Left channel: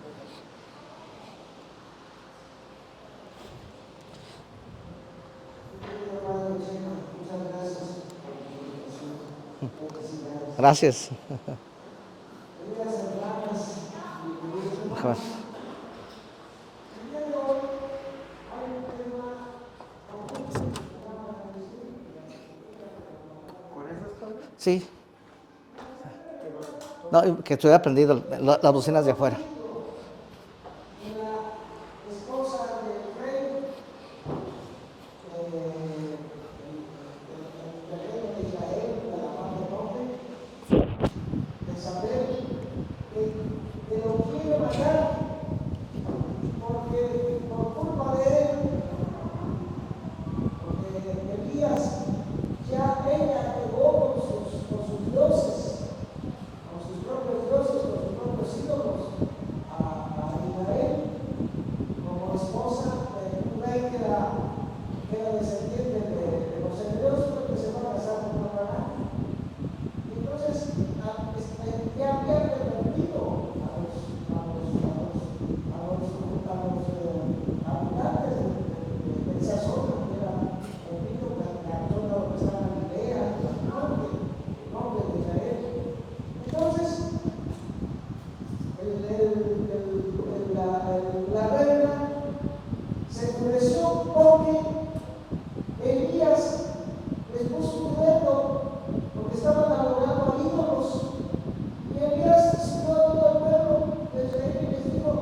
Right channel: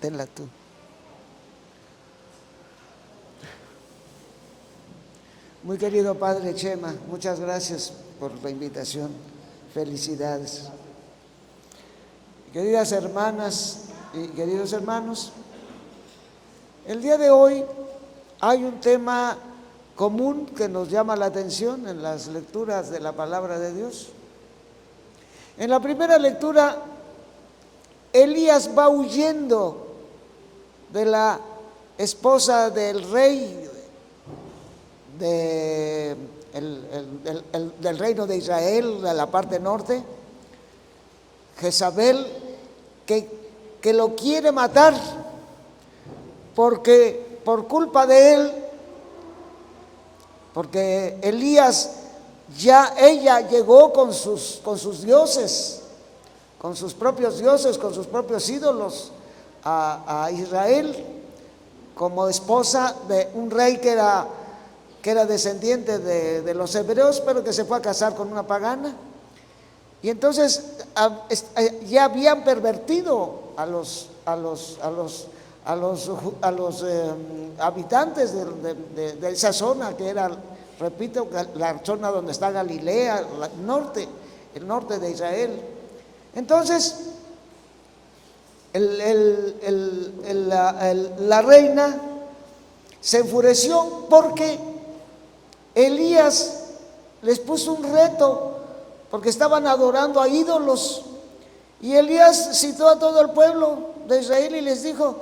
Tenla tú. Muy querido Padre Chema, muchas gracias por la invitación. Felicidades. Gracias. Queridas hermanas y queridos hermanos, el día de hoy hay un tema común que nos llama la atención en las lecturas de la palabra de Dios. Sí. En la primera lectura, no, que estoy aprendido Elías las va bocinas huyendo de la esposa del rey del reino de Israel, de la parte norte, Jezabel, que lo quiere matar porque por culpa de él, porque Elías ella llegó con sus dioses, con sus propios dioses, con sus propios ídolos a Israel, como esposa de un rey que era descendiente de los hebreos, pero que se fue a casar con una pagana. Y entonces ya había pervertido a los habitantes de esa zona, que era, repito, la zona donde está Galilea, el norte de Israel. Entonces, la reina se enfureció porque Elías les puso un reto, porque estaban adorando a ídolos. Y Elías citó a todo el pueblo de Israel y les dijo:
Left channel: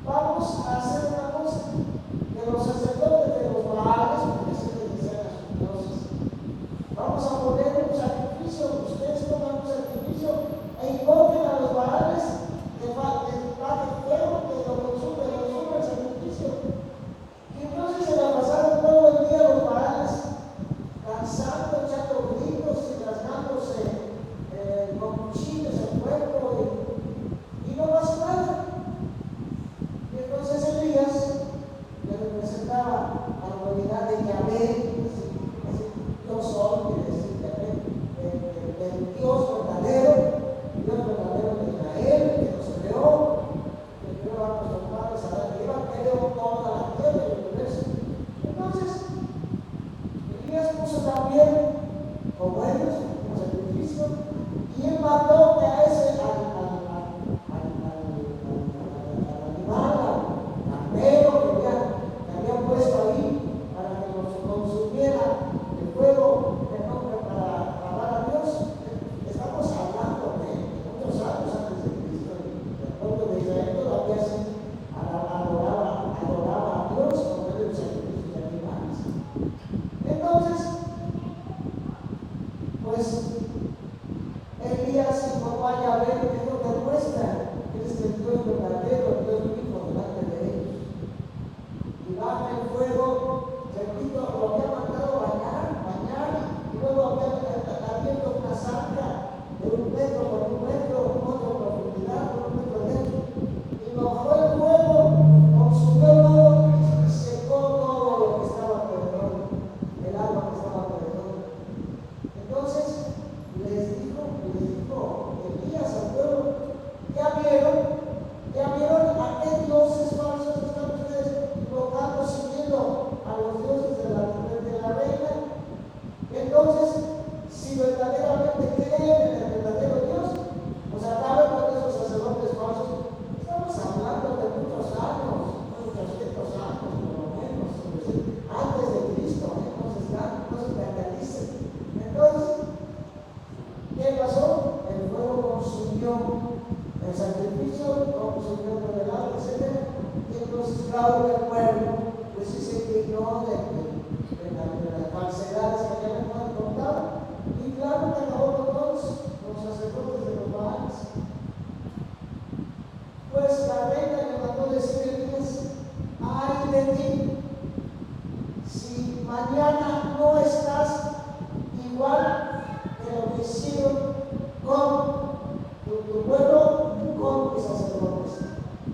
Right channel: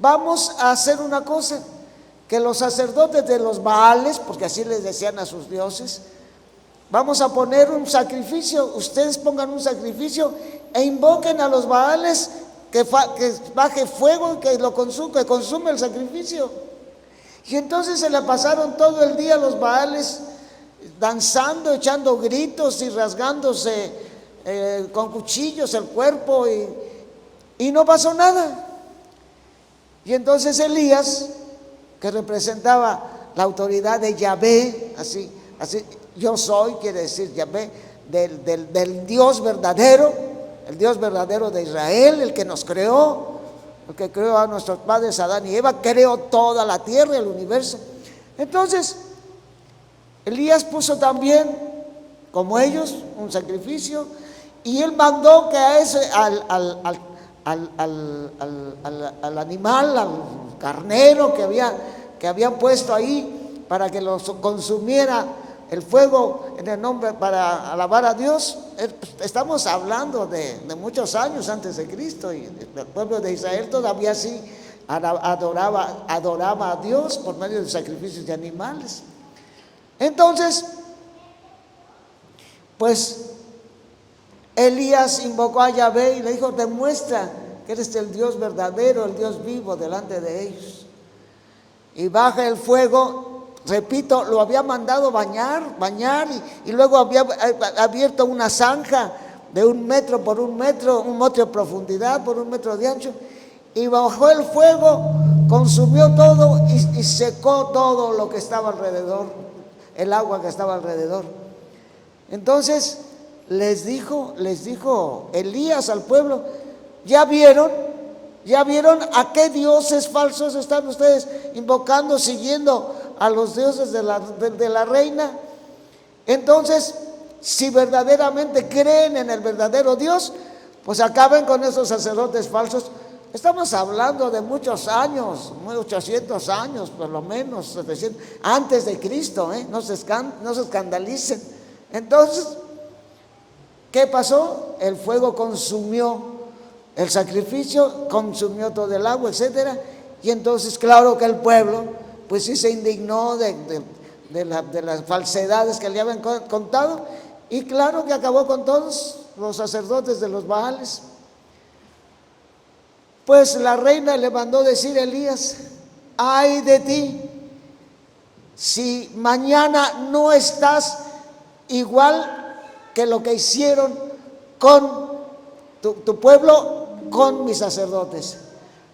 vamos a hacer una cosa, que los sacerdotes de los Baales, porque así les decían a sus dioses, vamos a poner un sacrificio, ustedes pongan un sacrificio e invoquen a los Baales que baje fuego, que consume el sacrificio. Y entonces se la pasaron todo el día los Baales danzando, echando gritos y rasgándose con cuchillos el cuerpo, y no pasó nada. Y entonces Elías, que representaba la autoridad de Yahvé, así yo soy, quiere decir Yahvé, del Dios verdadero, el Dios verdadero de Israel, el que nos creó, el que creó a nuestros padres Adán y Eva, creó toda la tierra, el universo. Entonces Elías puso también, como ellos, un sacrificio, y él mandó que al animal, al carnero que había puesto ahí para que lo consumiera el fuego en el nombre, para alabar a Dios. Estamos hablando de muchos años antes de Cristo, y el pueblo de Israel todavía sí adoraba a Dios por medio de sacrificios de animales. Entonces, pues Elías invocó a Yahvé y le dijo: demuestra que eres el Dios verdadero, el Dios vivo delante de ellos. Y baja el fuego, repito, lo había mandado bañar, y luego había abierto una zanja de 1 metro por 1 metro, 1 metro de profundidad por 1 metro de ancho, y bajó el fuego, consumió todo y secó todo lo que estaba alrededor, el agua que estaba alrededor. Entonces les dijo Elías al pueblo: ¿ya vieron a qué dioses falsos están ustedes invocando, siguiendo a los dioses de la reina? Entonces, si verdaderamente creen en el verdadero Dios, pues acaben con esos sacerdotes falsos. Estamos hablando de muchos años, 800 años por lo menos, es decir, antes de Cristo, no se escandalicen. Entonces, ¿qué pasó? El fuego consumió el sacrificio, consumió todo el agua, etcétera. Y entonces, claro que el pueblo, pues sí se indignó de las falsedades que le habían contado, y claro que acabó con todos los sacerdotes de los Baales. Pues la reina le mandó decir a Elías: ay de ti, si mañana no estás igual que lo que hicieron con tu pueblo, con mis sacerdotes.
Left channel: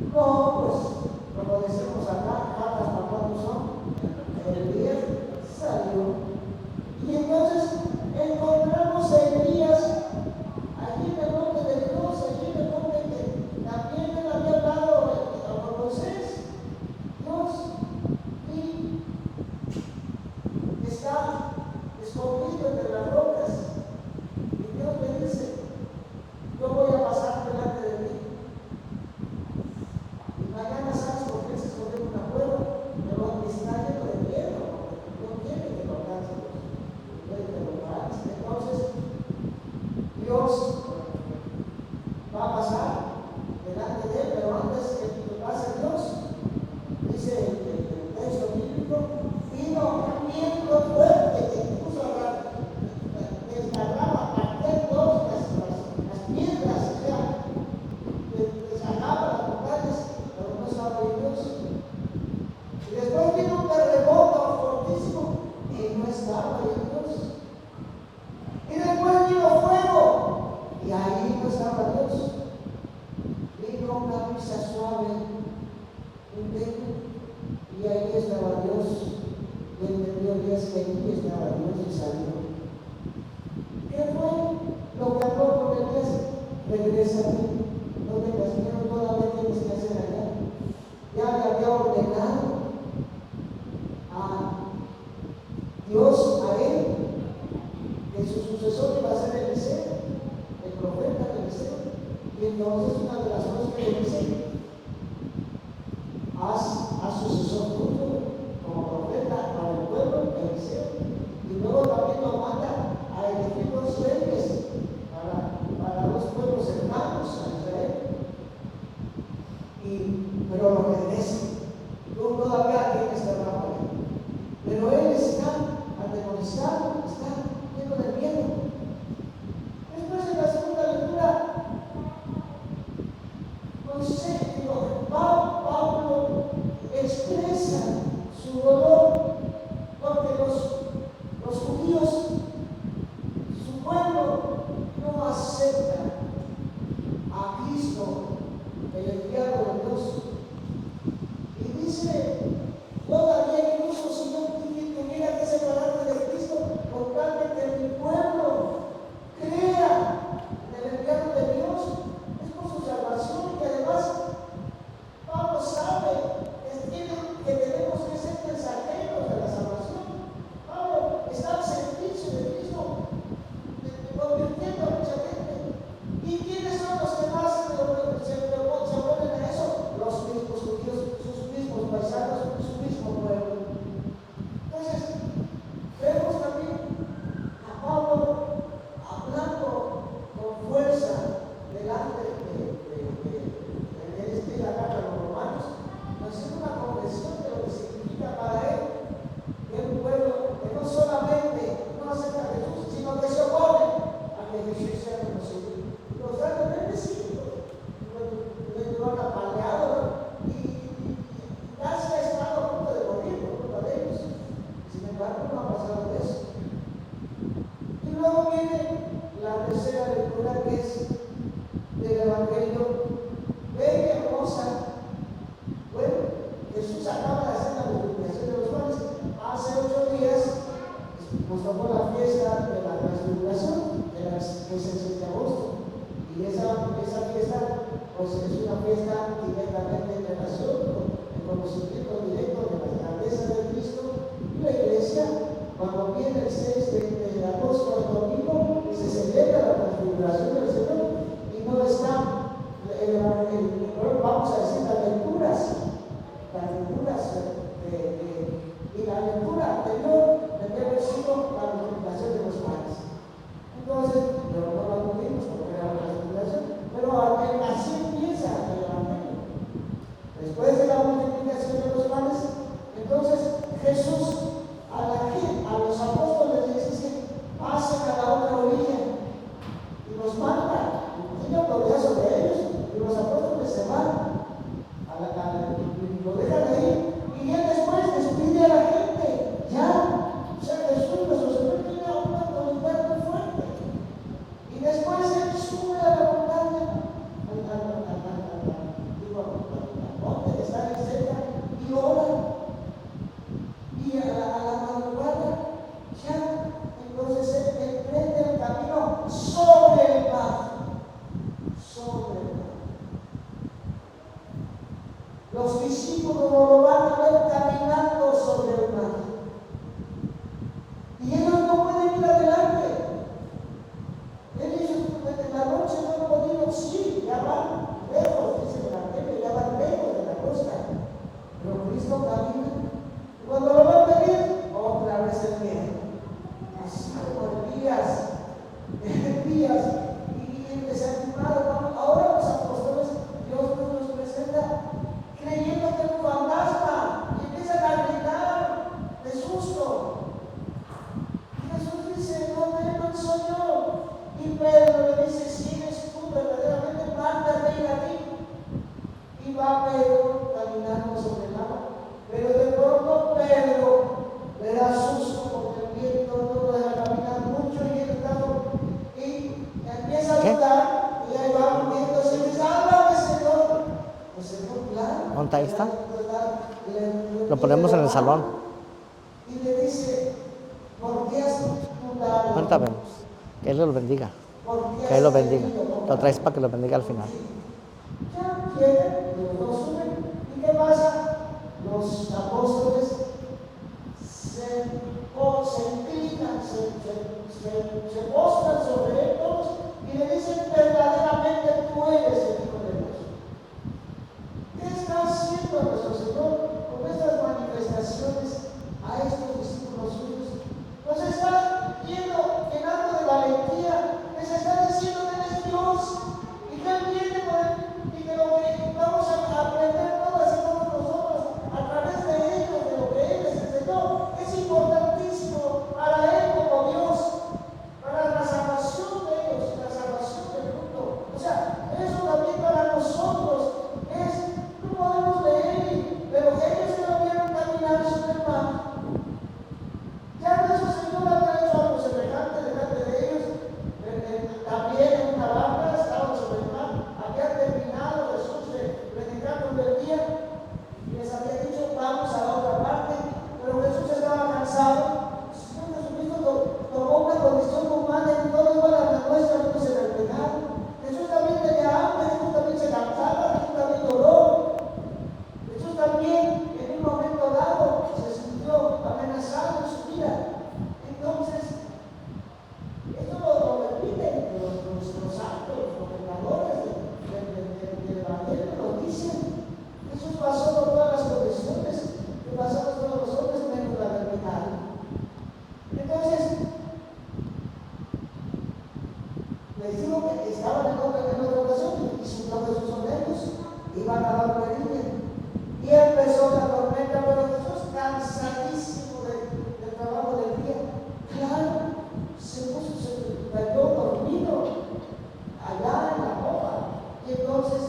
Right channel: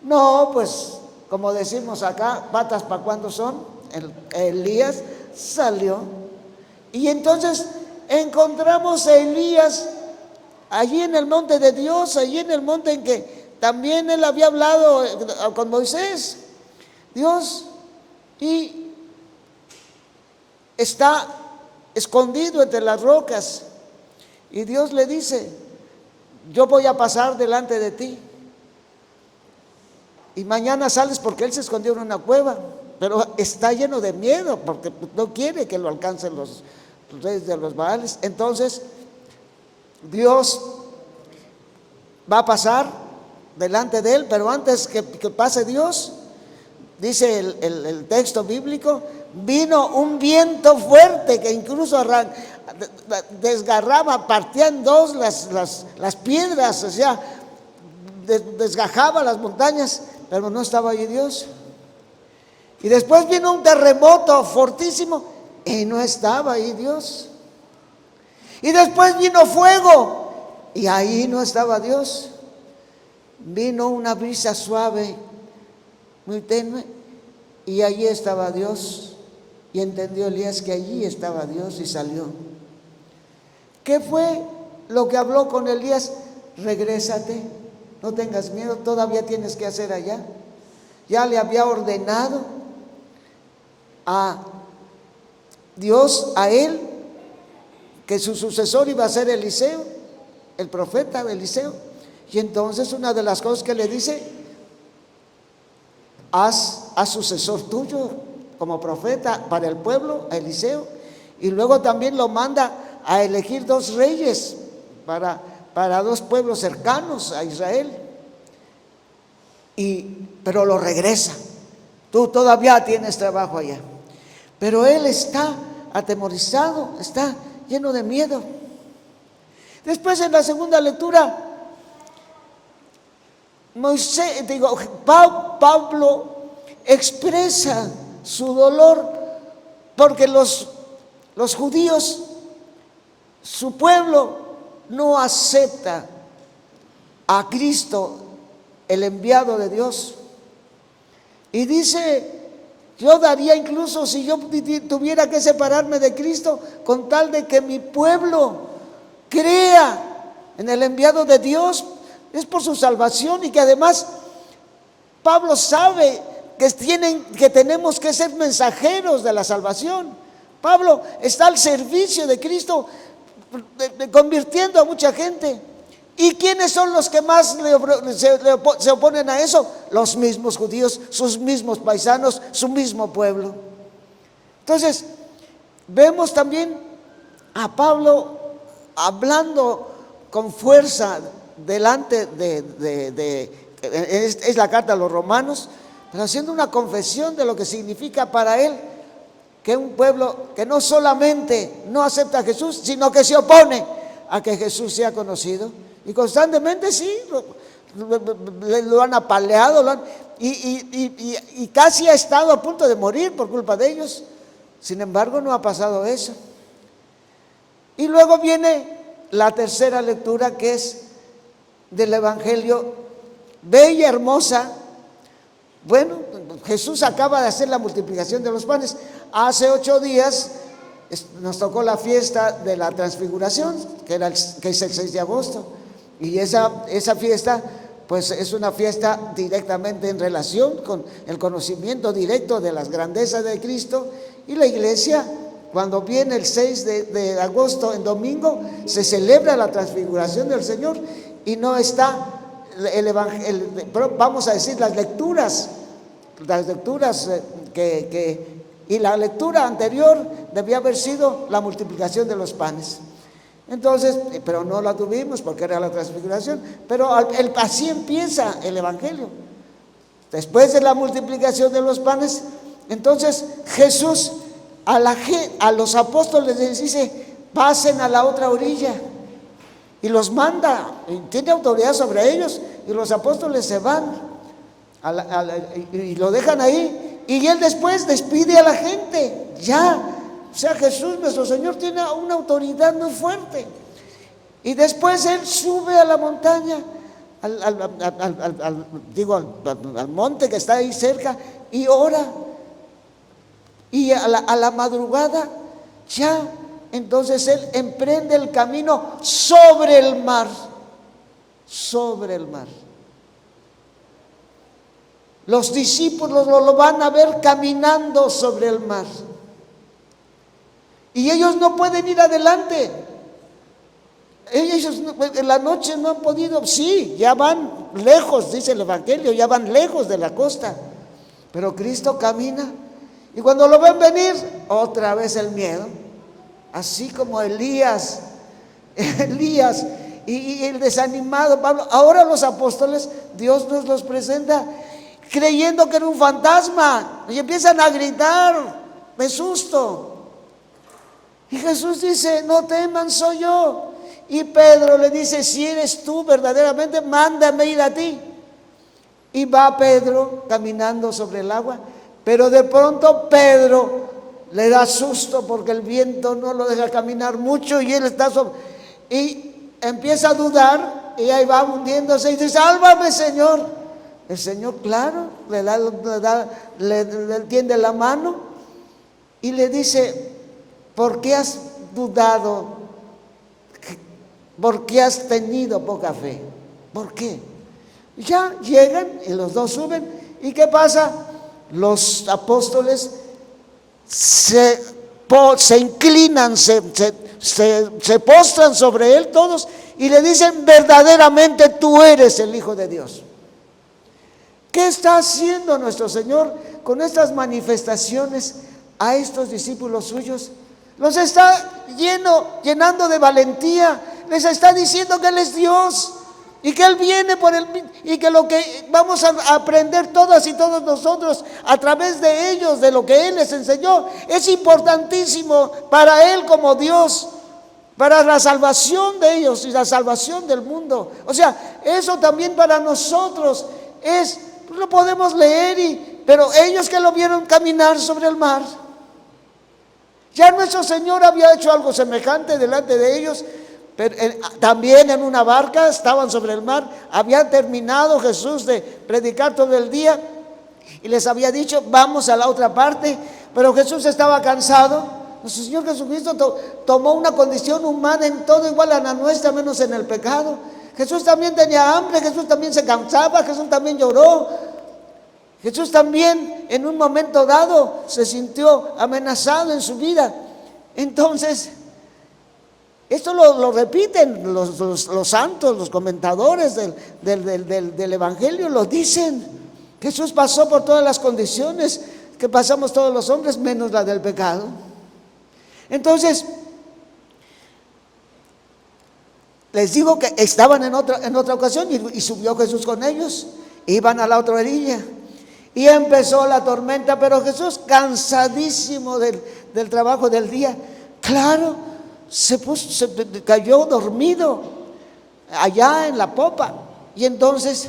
No, pues como decimos acá, patas para cuando son. Elías salió, y entonces encontramos a Elías allí en el monte de Dios, allí en el monte en que también él había hablado con Moisés, Dios, y está escondido entre las rocas, y Dios le dice: yo voy a pasar delante de ti, y mañana sales, porque él se escondió en una cueva, pero está lleno de miedo, porque no quiere que lo alcancen los reyes de los Baales. Entonces Dios va a pasar delante de él, pero antes que pase Dios, dice el texto bíblico, vino un viento fuerte que incluso desgarraba, partía en dos las piedras, o sea, desgajaba las montañas, pero no estaba allí Dios. Y después vino un terremoto fortísimo y no estaba ahí Dios. Y después vino fuego y ahí no estaba Dios. Vino una brisa suave, muy tenue, y allí estaba Dios. Y entendió Elías que allí estaba Dios y salió. ¿Qué fue lo que habló con Elías? Regrésate, no tengas miedo, todavía tienes que hacer allá. Ya le había ordenado a Dios, a él, que su sucesor iba a ser Eliseo, el profeta Eliseo. Y entonces una de las cosas que le dice: haz sucesor tuyo como profeta para el pueblo, a Eliseo. Y luego también lo manda a elegir 2 reyes para 2 pueblos cercanos a Israel. Pero lo regresa: tú todavía tienes trabajo allá. Pero él está atemorizado, está lleno de miedo. Después, en la segunda lectura, Pablo expresa su dolor porque los judíos, su pueblo, no acepta a Cristo, el enviado de Dios. Y dice: yo daría, incluso si yo tuviera que separarme de Cristo, con tal de que mi pueblo crea en el enviado de Dios. Es por su salvación, y que además Pablo sabe que tenemos que ser mensajeros de la salvación. Pablo está al servicio de Cristo, convirtiendo a mucha gente. ¿Y quiénes son los que más se oponen a eso? Los mismos judíos, sus mismos paisanos, su mismo pueblo. Entonces, vemos también a Pablo hablando con fuerza delante es la carta a los romanos, pero haciendo una confesión de lo que significa para él que un pueblo que no solamente no acepta a Jesús, sino que se opone a que Jesús sea conocido. Y constantemente sí, lo han apaleado, y casi ha estado a punto de morir por culpa de ellos. Sin embargo, no ha pasado eso. Y luego viene la tercera lectura, que es del Evangelio, bella, hermosa. Bueno, Jesús acaba de hacer la multiplicación de los panes. Hace 8 días nos tocó la fiesta de la transfiguración, que es el 6 de agosto. Y esa fiesta, pues es una fiesta directamente en relación con el conocimiento directo de las grandezas de Cristo. Y la iglesia, cuando viene el 6 de agosto, el domingo, se celebra la transfiguración del Señor, y no está vamos a decir, las lecturas y la lectura anterior debía haber sido la multiplicación de los panes. Entonces, pero no la tuvimos porque era la transfiguración. Pero así empieza el Evangelio. Después de la multiplicación de los panes, entonces Jesús a los apóstoles les dice: pasen a la otra orilla, y los manda, y tiene autoridad sobre ellos, y los apóstoles se van y lo dejan ahí, y él después despide a la gente. O sea, Jesús, nuestro Señor, tiene una autoridad muy fuerte. Y después él sube a la montaña, al monte que está ahí cerca, y ora. Y a la madrugada ya, entonces él emprende el camino sobre el mar. sobre el mar. Los discípulos lo van a ver caminando sobre el mar. Y ellos no pueden ir adelante. Ellos en la noche no han podido, sí, ya van lejos, dice el Evangelio, ya van lejos de la costa. Pero Cristo camina. Y cuando lo ven venir, otra vez el miedo. Así como Elías y el desanimado Pablo. Ahora los apóstoles, Dios nos los presenta creyendo que era un fantasma. Y empiezan a gritar de susto. Y Jesús dice: no teman, soy yo. Y Pedro le dice: si eres tú verdaderamente, mándame ir a ti. Y va Pedro caminando sobre el agua. Pero de pronto Pedro le da susto porque el viento no lo deja caminar mucho y él está y empieza a dudar y ahí va hundiéndose y dice: sálvame, Señor. El Señor, claro, le tiende la mano y le dice: ¿por qué has dudado? Cuéntame, que Él los bendiga. ¿Por qué has tenido poca fe? Para que lo bendiga al ¿Por final. qué? Ya llegan y los dos suben. ¿Y qué pasa? Los apóstoles se inclinan, se postran sobre él todos y le dicen: verdaderamente tú eres el Hijo de Dios. ¿Qué está haciendo nuestro Señor con estas manifestaciones a estos discípulos suyos? Los está llenando de valentía, les está diciendo que Él es Dios y que Él viene por él, y que lo que vamos a aprender todas y todos nosotros a través de ellos, de lo que Él les enseñó, es importantísimo para Él como Dios, para la salvación de ellos y la salvación del mundo. O sea, eso también para nosotros es, lo podemos leer, pero ellos que lo vieron caminar sobre el mar, ya nuestro Señor había hecho algo semejante delante de ellos. Pero también en una barca estaban sobre el mar. Había terminado Jesús de predicar todo el día y les había dicho: vamos a la otra parte. Pero Jesús estaba cansado. Nuestro Señor Jesucristo tomó una condición humana en todo igual a la nuestra, menos en el pecado. Jesús también tenía hambre, Jesús también se cansaba, Jesús también lloró. Jesús también en un momento dado se sintió amenazado en su vida. Entonces, esto lo repiten los santos, los comentadores del Evangelio, lo dicen. Jesús pasó por todas las condiciones que pasamos todos los hombres, menos la del pecado. Entonces, les digo que estaban en otra ocasión y subió Jesús con ellos. Iban a la otra orilla y empezó la tormenta, pero Jesús, cansadísimo del trabajo del día, claro, se cayó dormido allá en la popa. Y entonces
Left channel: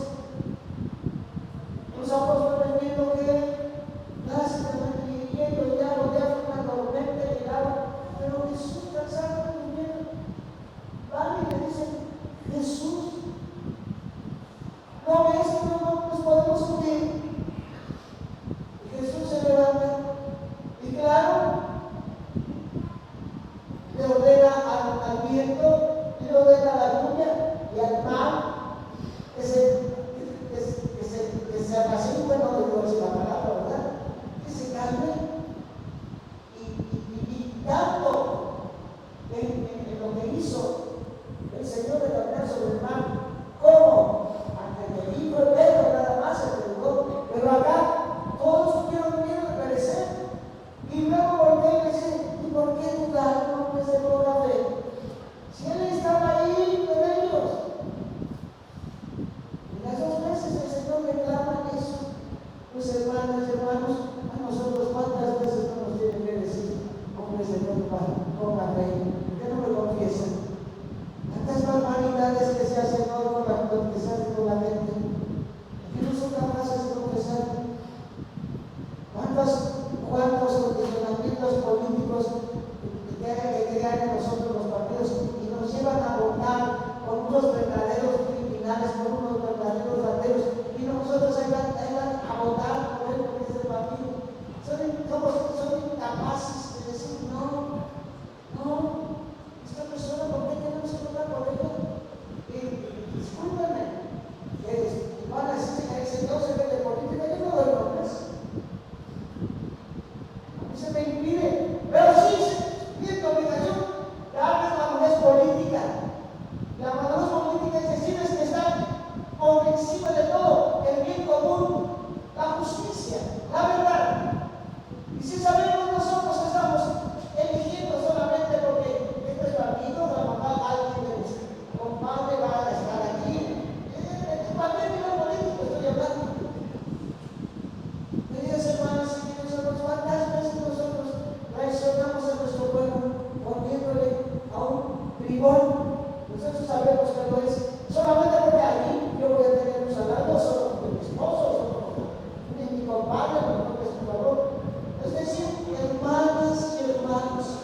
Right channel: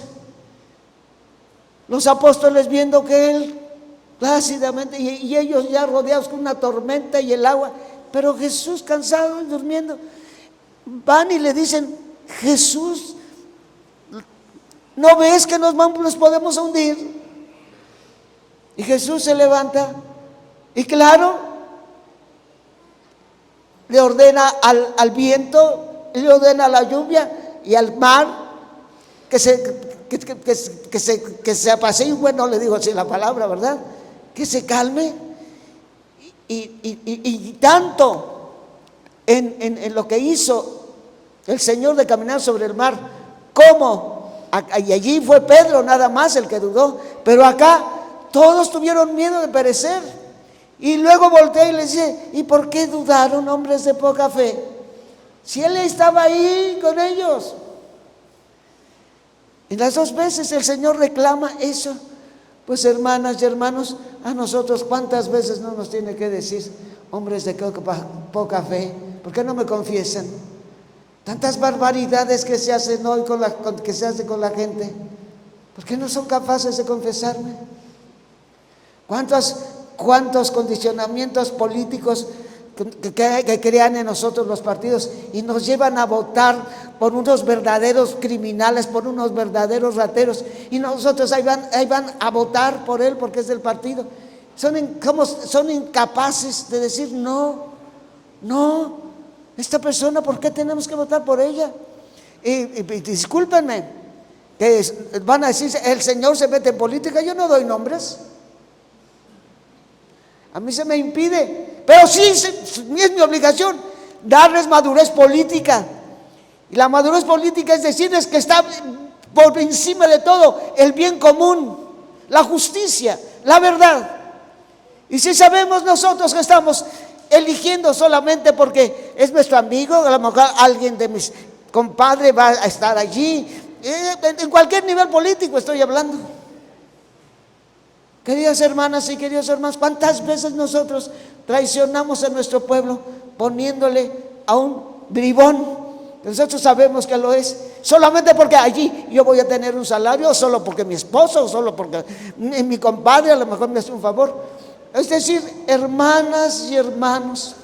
los apóstoles, viendo que él plácidamente y ellos ya rodeados con una tormenta y el agua, pero Jesús cansado y durmiendo, van y le dicen: Jesús, ¿no ves que nos podemos hundir? Y Jesús se levanta y claro, le ordena al viento, le ordena a la lluvia y al mar que se apacigüe. Bueno, le digo así la palabra, ¿verdad? Que se calme. Y tanto en lo que hizo el Señor de caminar sobre el mar, como y allí fue Pedro nada más el que dudó, pero acá todos tuvieron miedo de perecer. Y luego volteé y le dice: ¿y por qué dudaron, hombres de poca fe? Si Él estaba ahí con ellos. Y las dos veces el Señor reclama eso. Pues hermanas y hermanos, a nosotros cuántas veces no nos tiene que decir: hombres de poca fe, ¿por qué no me confiesan? Tantas barbaridades que se hacen hoy que se hace con la gente, ¿por qué no son capaces de confesarme? ¿Cuántos condicionamientos políticos que crean en nosotros los partidos y nos llevan a votar por unos verdaderos criminales, por unos verdaderos rateros, y nosotros ahí van a votar por él porque es del partido? Son incapaces de decir: no, esta persona, ¿por qué tenemos que votar por ella? Y discúlpenme, que van a decir, el Señor se mete en política. Yo no doy nombres. A mí se me impide, pero sí es mi obligación darles madurez política. Y la madurez política es decirles que está por encima de todo el bien común, la justicia, la verdad. Y si sabemos nosotros que estamos eligiendo solamente porque es nuestro amigo, a lo mejor alguien de mis compadres va a estar allí, en cualquier nivel político estoy hablando. Queridas hermanas y queridos hermanos, ¿cuántas veces nosotros traicionamos a nuestro pueblo poniéndole a un bribón? Nosotros sabemos que lo es, solamente porque allí yo voy a tener un salario, o solo porque mi esposo, o solo porque mi compadre a lo mejor me hace un favor. Es decir, hermanas y hermanos,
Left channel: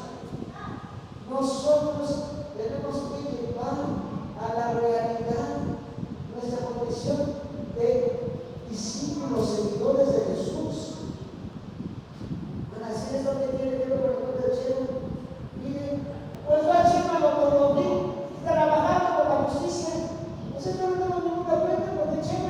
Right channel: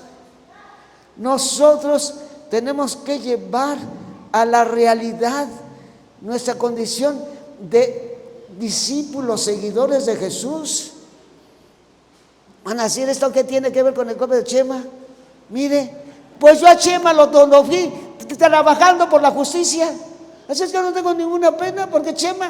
nosotros tenemos que llevar a la realidad nuestra condición de discípulos, seguidores de Jesús. Van a decir, ¿esto qué tiene que ver con el joven de Chema? Mire, pues yo a Chema lo vi trabajando por la justicia. Así es que no tengo ninguna pena, porque Chema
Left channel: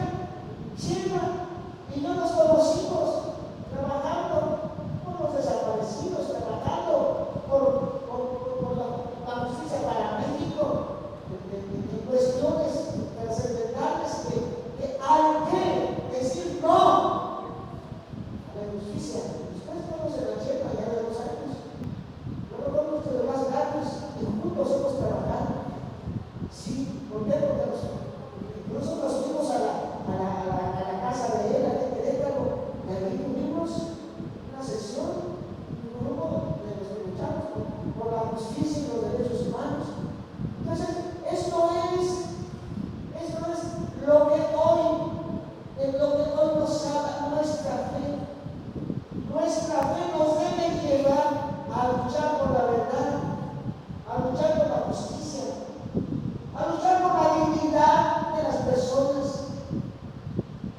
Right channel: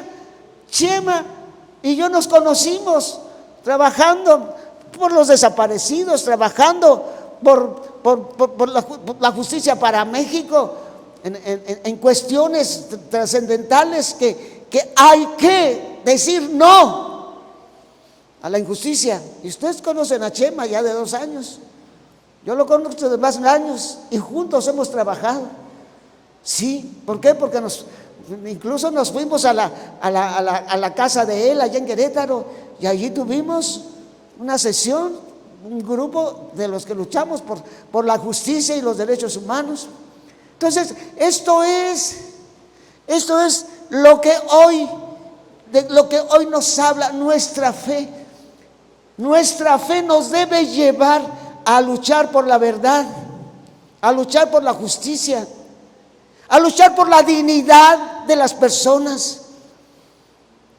y yo nos conocimos trabajando por los desaparecidos, trabajando por la justicia para México, en cuestiones trascendentales que hay que decir no a la injusticia. Y ustedes conocen a Chema ya de 2 años, yo lo conozco de más años y juntos hemos trabajado. Sí, ¿por qué? Porque incluso nos fuimos a la casa de él allá en Querétaro, y allí tuvimos una sesión, un grupo de los que luchamos por la justicia y los derechos humanos. Entonces, esto es lo que hoy nos habla nuestra fe. Nuestra fe nos debe llevar a luchar por la verdad, a luchar por la justicia, a luchar por la dignidad de las personas,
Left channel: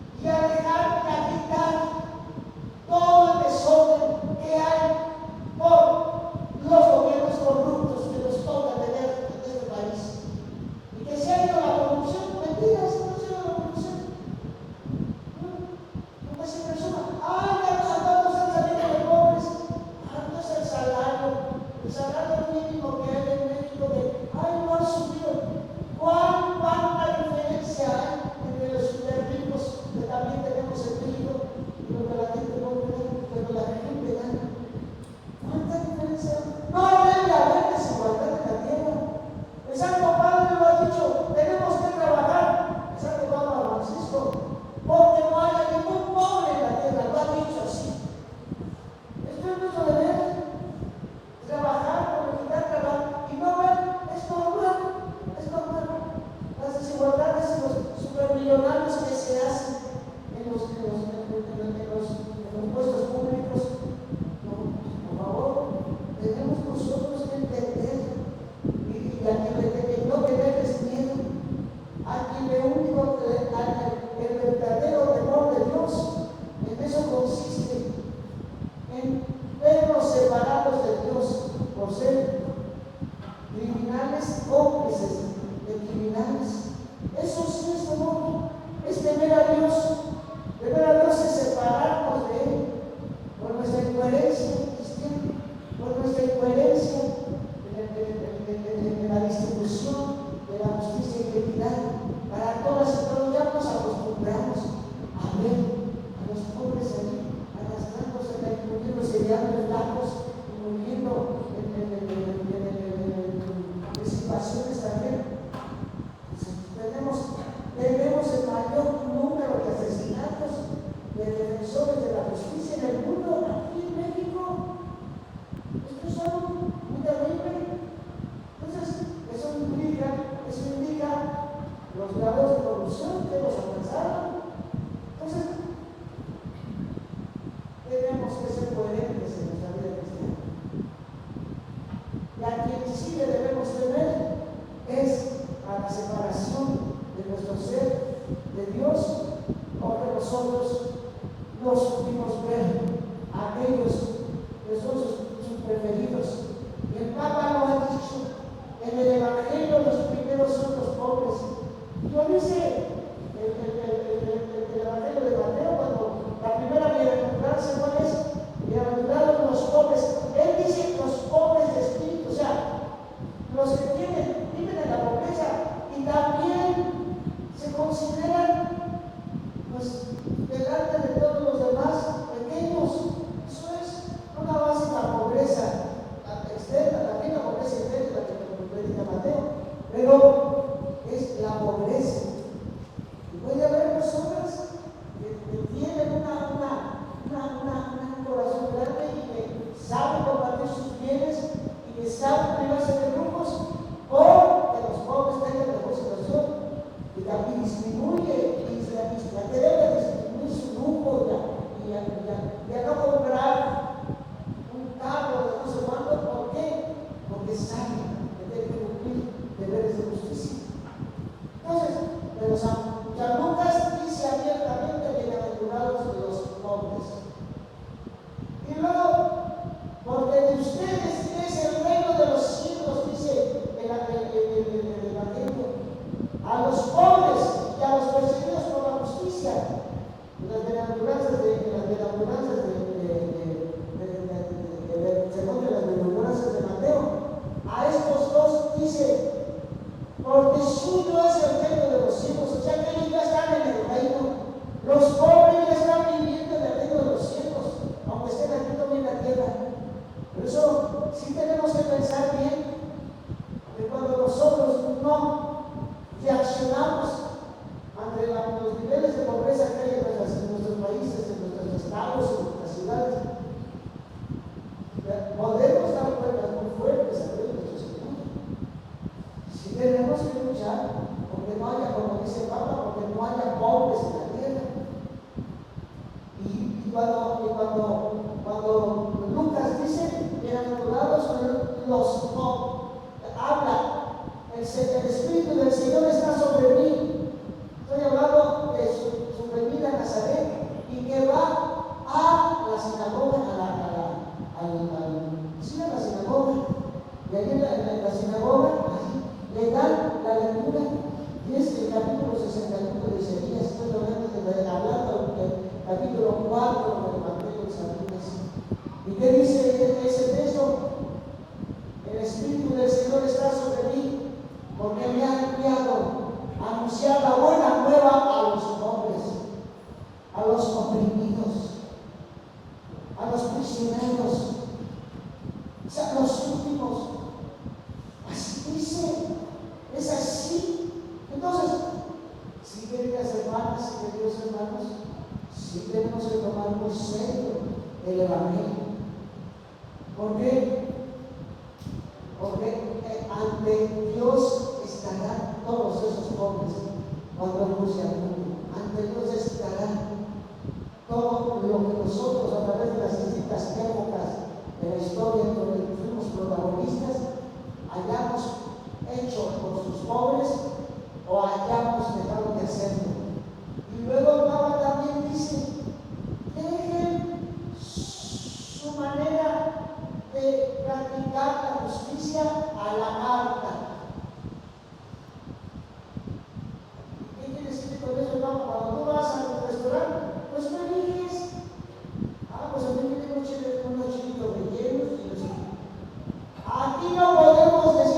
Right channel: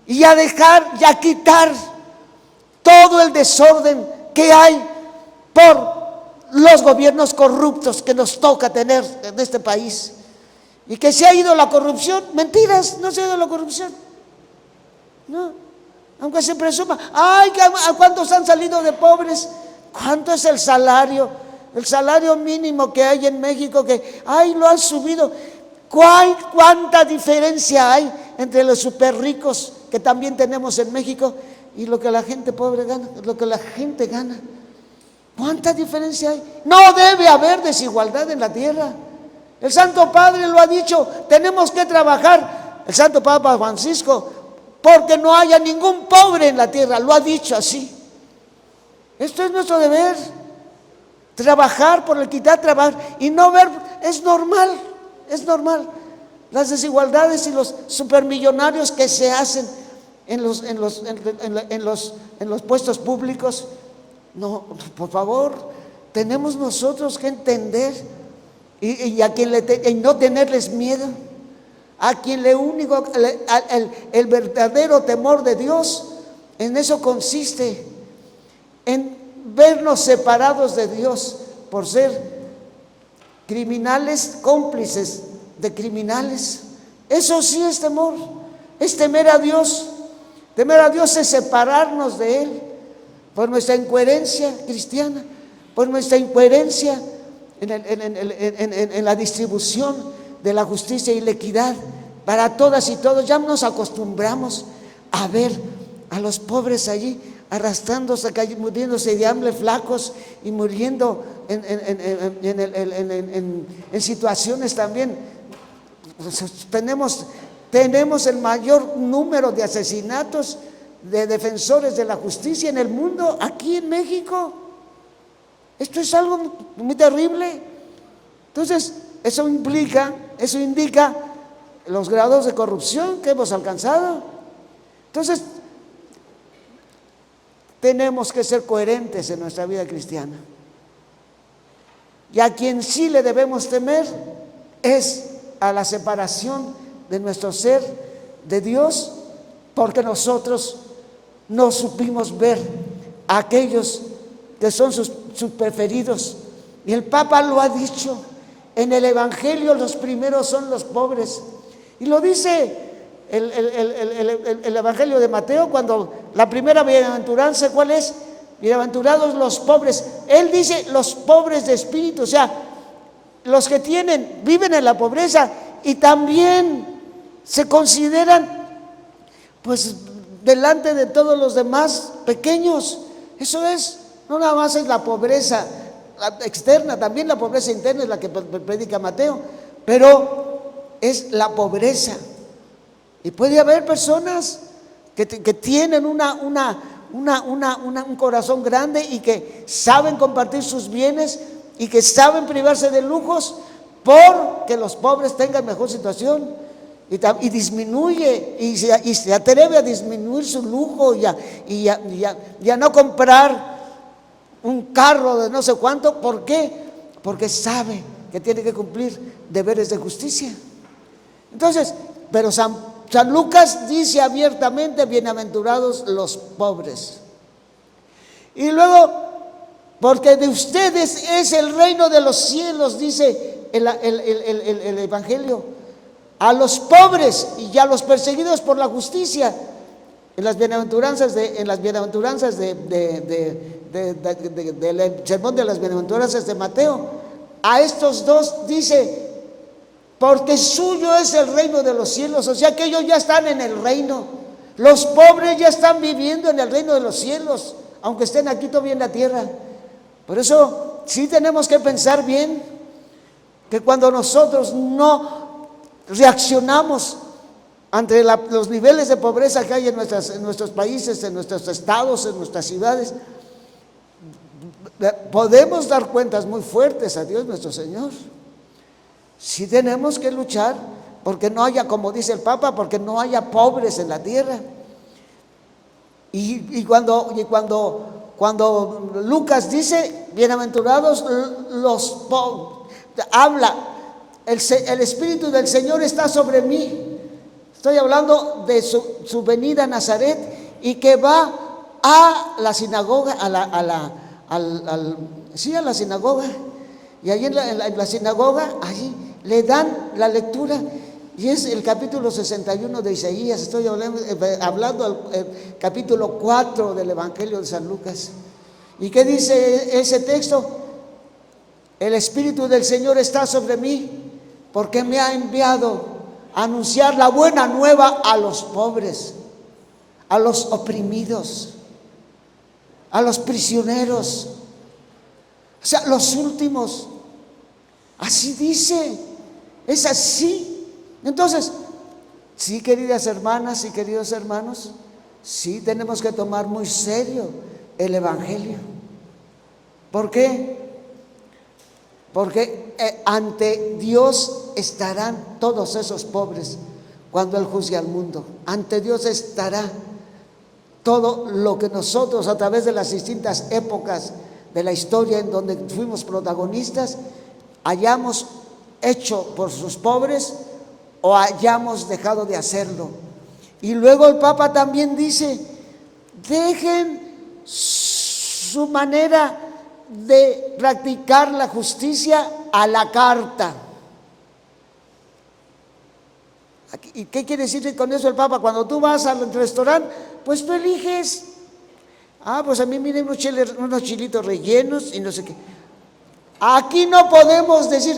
y a dejar y a quitar todo el desorden que hay por los gobiernos corruptos que nos toca tener en este país. Y que se ha ido la corrupción. Mentiras, no se ha ido la corrupción, no, aunque se presuma. Ay, ¿a cuántos han salido de pobres? ¿Cuánto es el salario mínimo que hay en México? Que ay, lo han subido. ¿Cuánta diferencia hay entre los super ricos que también tenemos en México y lo que la gente pobre gana, lo que la gente gana? ¿Cuánta diferencia hay? No debe haber desigualdad en la tierra. El Santo Padre lo ha dicho, tenemos que trabajar, el Santo Papa Francisco, porque no haya ningún pobre en la tierra, lo ha dicho así. Esto es nuestro deber, trabajar por la equidad, trabajar y no ver, es normal las desigualdades y los supermillonarios que se hacen en los puestos públicos. No, por favor, tenemos nosotros que entender y no tenerles miedo. A quien el verdadero temor de Dios, en eso consiste, en vernos separados de Dios por ser criminales, cómplices de criminales. Eso sí es temor, es temer a Dios. Temer a Dios es separarnos de Él por nuestra incoherencia cristiana, por nuestra incoherencia en la distribución de la justicia y la equidad para todas y todos. Ya nos acostumbramos a ver a los pobres allí arrastrándose, muriéndose de hambre, flacos, y muriendo en situaciones también. Tenemos el mayor número de asesinatos de defensores de la justicia en el mundo, aquí en México. Esto es algo muy terrible. Entonces, eso indica los grados de corrupción que hemos alcanzado. Entonces, tenemos que ser coherentes en nuestra vida cristiana. Y a quien sí le debemos temer es a la separación de nuestro ser de Dios, porque nosotros no supimos ver a aquellos que son sus preferidos. Y el Papa lo ha dicho, en el Evangelio los primeros son los pobres. Y lo dice el Evangelio de Mateo, cuando la primera bienaventuranza, ¿cuál es? Bienaventurados los pobres. Él dice los pobres de espíritu, o sea, los que viven en la pobreza y también se consideran, pues, delante de todos los demás pequeños. Eso es, no nada más es la pobreza externa, también la pobreza interna es la que predica Mateo, pero es la pobreza. Y puede haber personas que tienen un corazón grande y que saben compartir sus bienes y que saben privarse de lujos porque los pobres tengan mejor situación, y disminuye y se atreve a disminuir su lujo y a no comprar un carro de no sé cuánto. ¿Por qué? Porque sabe que tiene que cumplir deberes de justicia. Entonces, pero San Lucas dice abiertamente: bienaventurados los pobres. Y luego, porque de ustedes es el reino de los cielos, dice el Evangelio, a los pobres y a los perseguidos por la justicia. En las bienaventuranzas del sermón de las bienaventuranzas de Mateo, a estos dos dice: porque suyo es el reino de los cielos. O sea que ellos ya están en el reino. Los pobres ya están viviendo en el reino de los cielos, aunque estén aquí todavía en la tierra. Por eso sí tenemos que pensar bien, que cuando nosotros no reaccionamos ante los niveles de pobreza que hay en nuestros países, en nuestros estados, en nuestras ciudades, podemos dar cuentas muy fuertes a Dios nuestro Señor. Sí tenemos que luchar porque no haya, como dice el Papa, porque no haya pobres en la tierra. Y cuando Lucas dice bienaventurados los pobres, habla, el Espíritu del Señor está sobre mí. Estoy hablando de su venida a Nazaret, y que va a la sinagoga, a la sinagoga, y allí en la sinagoga, allí le dan la lectura, y es el capítulo 61 de Isaías. Estoy hablando del capítulo 4 del Evangelio de San Lucas. ¿Y qué dice ese texto? El Espíritu del Señor está sobre mí, porque me ha enviado a anunciar la buena nueva a los pobres, a los oprimidos, a los prisioneros, o sea, los últimos. Así dice, es así. Entonces, sí, queridas hermanas y queridos hermanos, sí tenemos que tomar muy serio el Evangelio. ¿Por qué? Porque ante Dios estarán todos esos pobres cuando Él juzgue al mundo. Ante Dios estará todo lo que nosotros, a través de las distintas épocas de la historia en donde fuimos protagonistas, hayamos hecho por sus pobres o hayamos dejado de hacerlo. Y luego el Papa también dice: dejen su manera de practicar la justicia a la carta. ¿Y qué quiere decir con eso el Papa? Cuando tú vas al restaurante, pues tú eliges. Pues a mí miren unos chilitos rellenos y no sé qué. Aquí no podemos decir:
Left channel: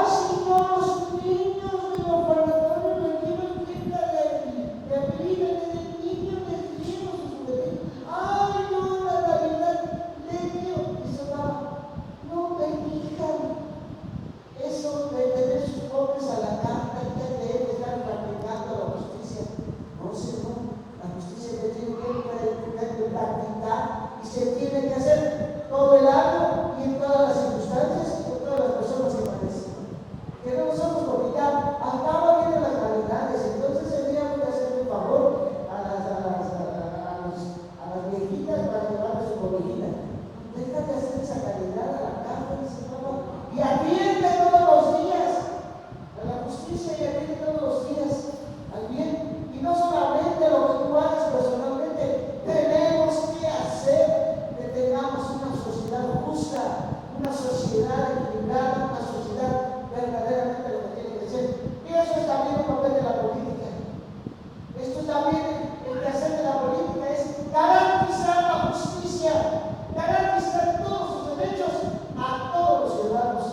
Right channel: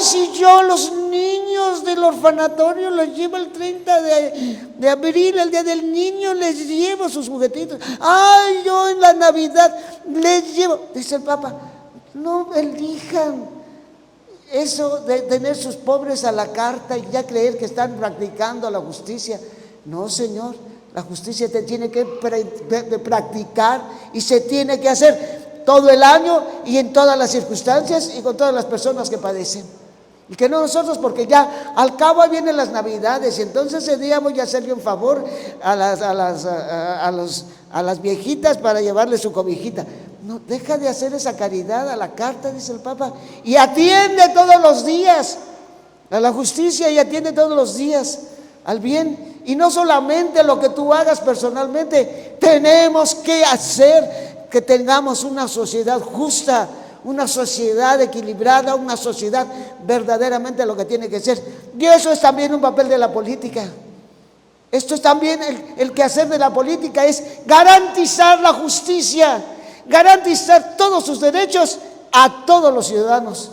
si yo los niños del orfanatorio los llevo el 30 de abril, el día del niño, les llevo sus juguetitos. Yo en la Navidad les llevo. Dice el Papa: no elijan eso de tener sus pobres a la carta y ya creer que están practicando la justicia. No, Señor, la justicia te tiene que practicar y se tiene que hacer todo el año y en todas las circunstancias y con todas las personas que padecen. Y que no nosotros, porque ya al cabo vienen las Navidades y entonces ese día voy a hacerle un favor a las viejitas para llevarle su cobijita. No, deja de hacer esa caridad a la carta, dice el Papa, y atiende todos los días a la justicia, y atiende todos los días al bien. Y no solamente lo que tú hagas personalmente, tenemos que hacer que tengamos una sociedad justa, una sociedad equilibrada, una sociedad verdaderamente lo que tiene que ser. Y eso es también un papel de la política. Esto es también el quehacer de la política, es garantizar la justicia, garantizar todos sus derechos a todos los ciudadanos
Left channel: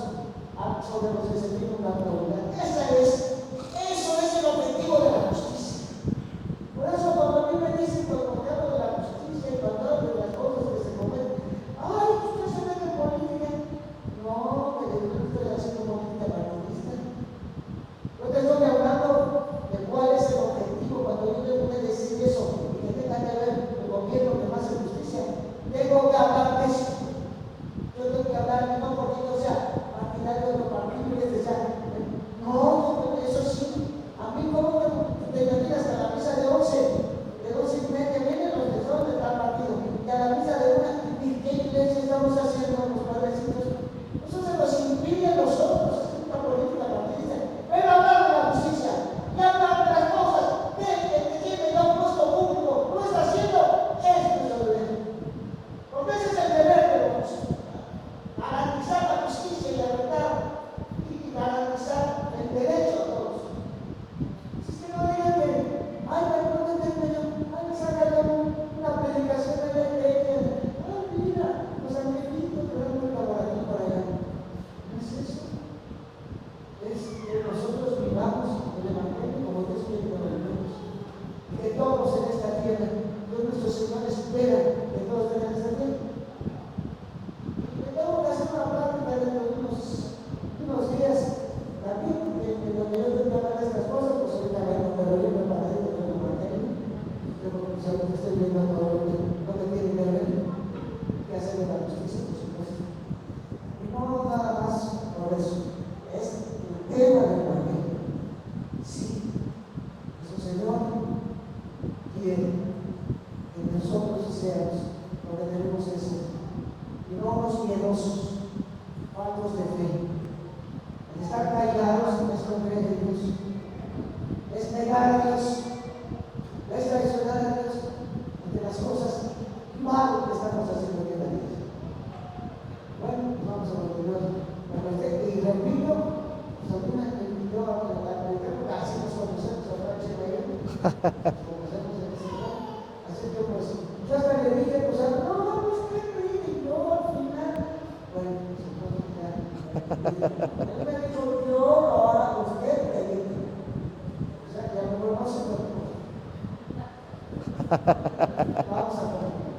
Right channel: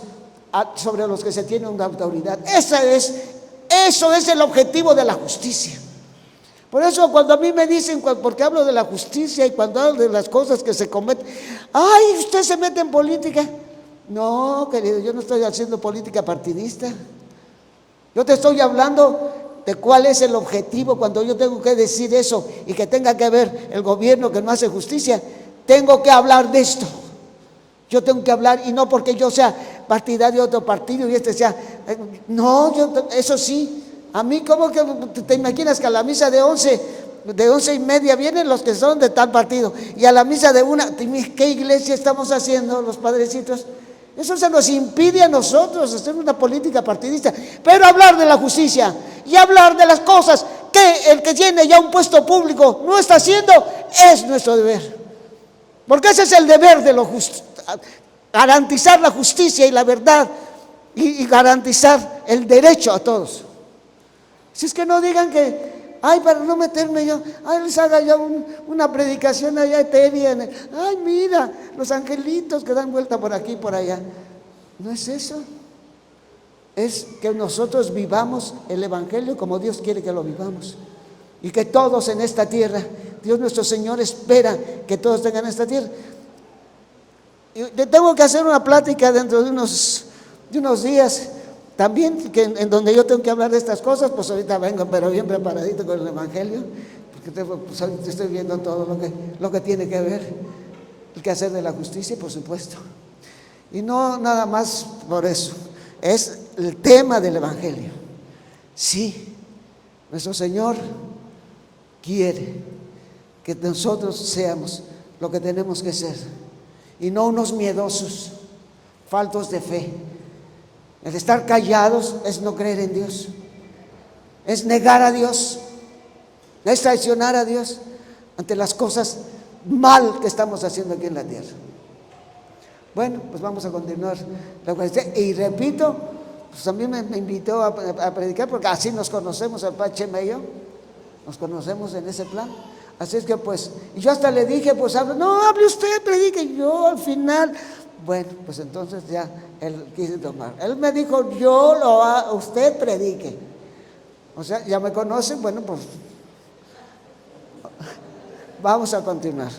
sobre los que se tiene una autoridad. Eso es el objetivo de la justicia. Por eso cuando a mí me dicen, porque hablo de la justicia y cuando hablo de las cosas que se cometen, ay, usted se mete en política. No, querido, yo no estoy haciendo política partidista. Yo te estoy hablando de cuál es el objetivo. Cuando yo tengo que decir eso y que tenga que ver el gobierno que no hace justicia, tengo que hablar de esto. Yo tengo que hablar, y no porque yo sea partidario de otro partido y este sea, no, eso sí. A mí, ¿cómo que te imaginas que a la misa de 11:30 vienen los que son de tal partido? Y a la misa de 1, ¿qué iglesia estamos haciendo los padrecitos? Eso se nos impide a nosotros hacer una política partidista. Pero hablar de la justicia y hablar de las cosas que el que tiene ya un puesto público no está haciendo, es nuestro deber. Porque ese es el deber de lo justo, garantizar la justicia y la verdad y garantizar el derecho a todos. Si es que no digan que, ay, para no meterme yo, ay, les haga yo una predicación allá etérea, ay, mira, los angelitos que dan vuelta por aquí y por allá. No es eso. Es que nosotros vivamos el Evangelio como Dios quiere que lo vivamos. Y que todos en esta tierra, Dios nuestro Señor espera que todos tengan esta tierra. Y te tengo que hacer una plática dentro de unos días. También en donde yo tengo que hablar de estas cosas, pues ahorita vengo, pero bien preparadito con el Evangelio, porque pues ahorita estoy viendo todo lo que tiene que ver, el quehacer de la justicia, por supuesto. Y no nada más por eso, es el tema del Evangelio. Sí, nuestro Señor quiere que nosotros seamos lo que tenemos que ser, y no unos miedosos, faltos de fe. El estar callados es no creer en Dios, es negar a Dios, es traicionar a Dios ante las cosas mal que estamos haciendo aquí en la tierra. Bueno, pues vamos a continuar. Y repito, pues también me invitó a predicar, porque así nos conocemos, el Padre Chema y yo, nos conocemos en ese plan. Así es que pues, yo hasta le dije, pues no, hable usted, predique. Y yo al final, bueno, pues entonces ya, él me dijo, usted predique. O sea, ya me conocen, bueno, pues vamos a continuar.